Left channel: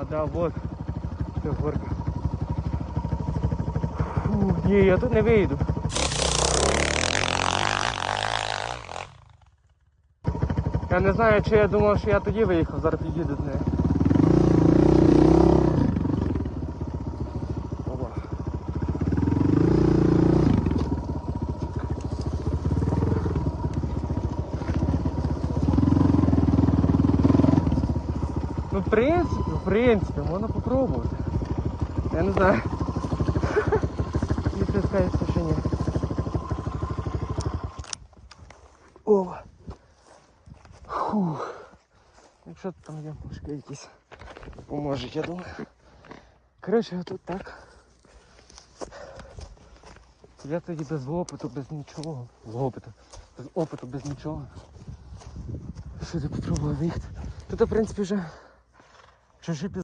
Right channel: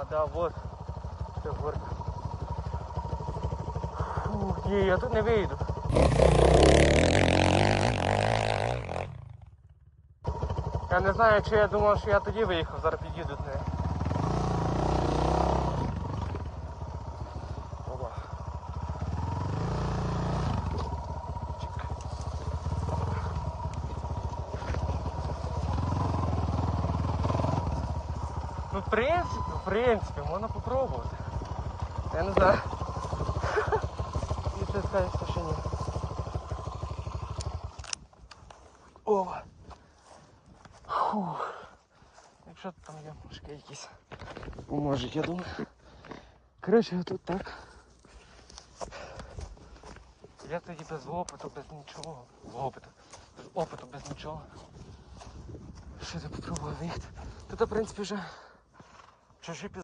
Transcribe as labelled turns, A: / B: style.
A: А, да, вот. Тут горка. Ні, я тут не вийду. Я не знаю, чи я думав, що я тоді виїхав, зараз під'їду до мене. Ну, в принципі, в принципі, можна попробувати. Я не знаю. Ну, ти скажеш, що ні. О! Фу. Ну що там є мішки якісь? Поможуть, я думаю. Коротше, тут так. Я тоді без опиту, без нічого. З опиту. Без опиту, без нічого. Що ти попробую виїхати? Тут, в принципі, вже Je sais plus.